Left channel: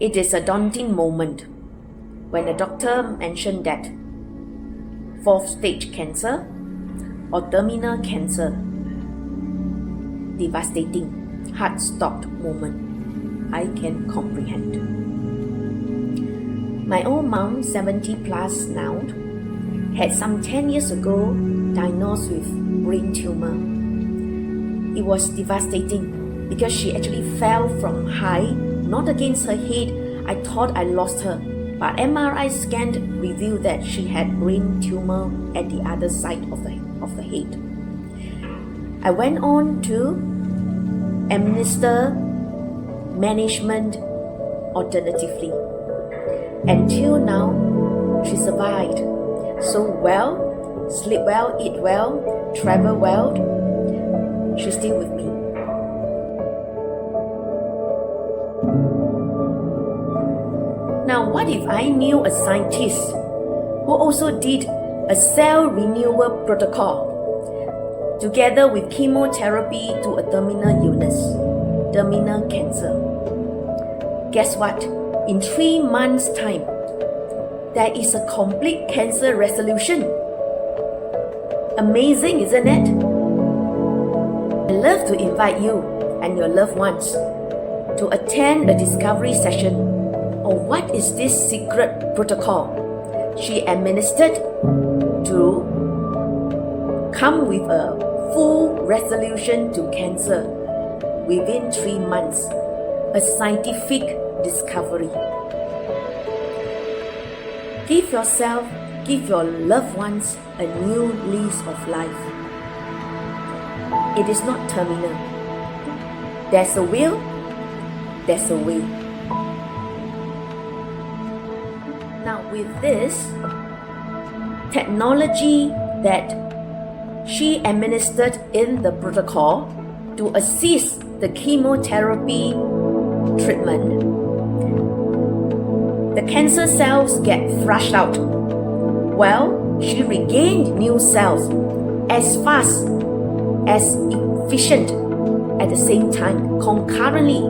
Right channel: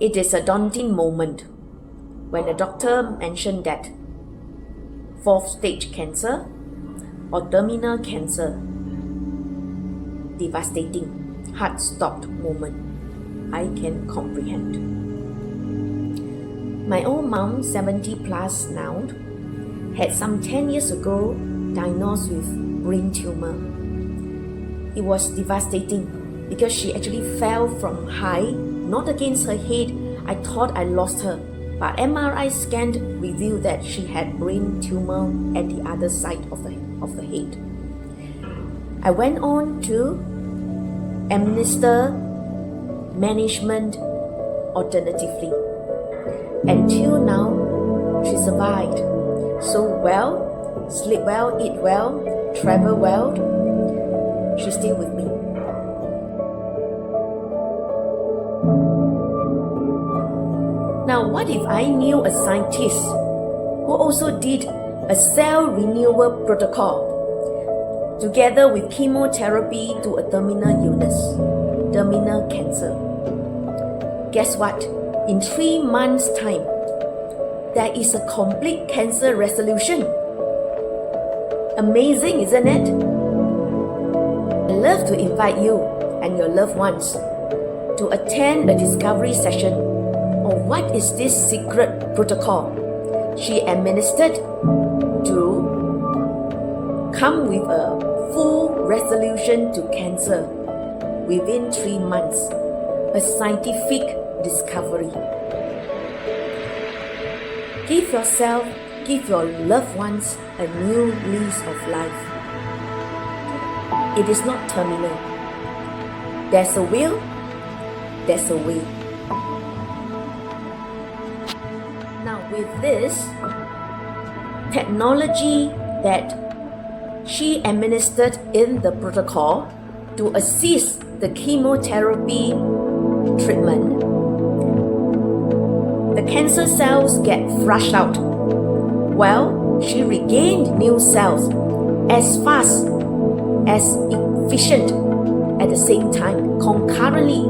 It is a daunting moment when the doctor mentioned that fourth stage cancer or terminal cancer, devastating, heart-stopped moment. I can comprehend. My old mom, 70 plus now, had some 10 years ago diagnosed with brain tumor. It was devastating because she actually fell from high, not against her head. I thought I lost her, but MRI scan revealed that she had brain tumor at the other side of the head. I went on to administer management alternatively. Until now, she survived. So well, sleep well, eat well, travel well. She's still with me. Now, what if I knew a scientist who also did a cell renewal protocol together with chemotherapy to a terminal illness, terminal cancer? Guess what? In 3 months' time, there is a complete cancer resolution. Amazing, isn't it? I'd love to invite you and your loved ones to attend a discovery session on what is this secret protocol she administered to come with a full resolution to cancer within 3 months, a scientific discovery. Give yourself, give your loved ones a new lease of life. It is not terminal. There's a will, there's a way. Now with this technology that she administered in the protocol to assist the chemotherapy treatment, the cancer cells get flushed out. Well, she regained new cells as fast, as efficient at the same time, concurrently.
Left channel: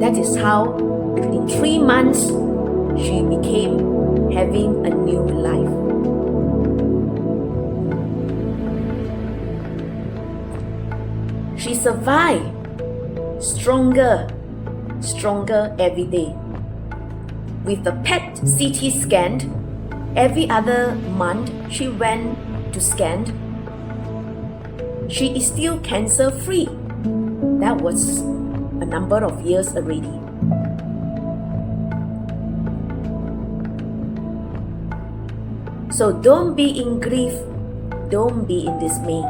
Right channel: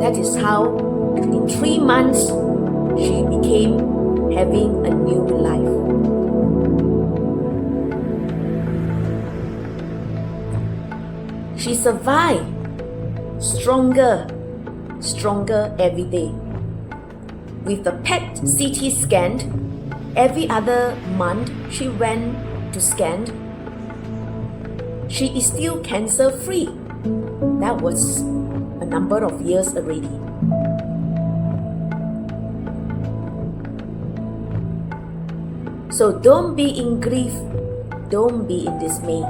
That is how in 3 months she became having a new life. She survived, stronger every day. With the PET CT scan, every other month she went to scan. She is still cancer free. That was a number of years already. So don't be in grief, don't be in dismay.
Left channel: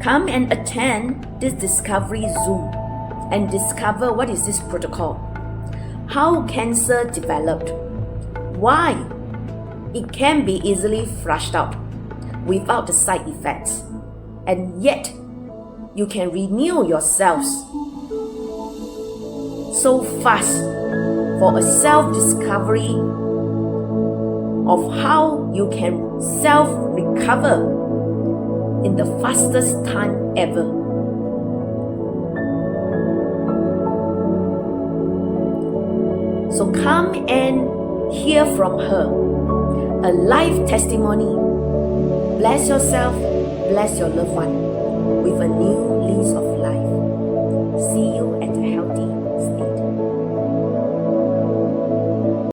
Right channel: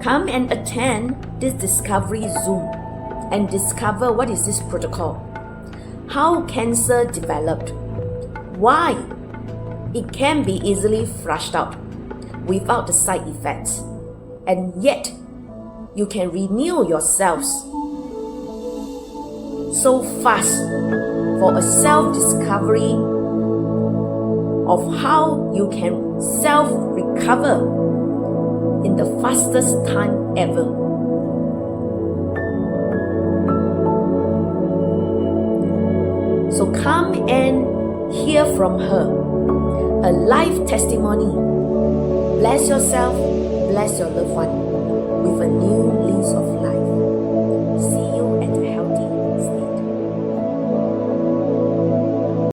Come and attend this Discovery Zoom and discover what is this protocol, how cancer developed, why it can be easily flushed out without the side effects, and yet you can renew yourselves so fast for a self-discovery of how you can self-recover in the fastest time ever. So come and hear from her, a life testimony. Bless yourself, bless your loved one with a new lease of life.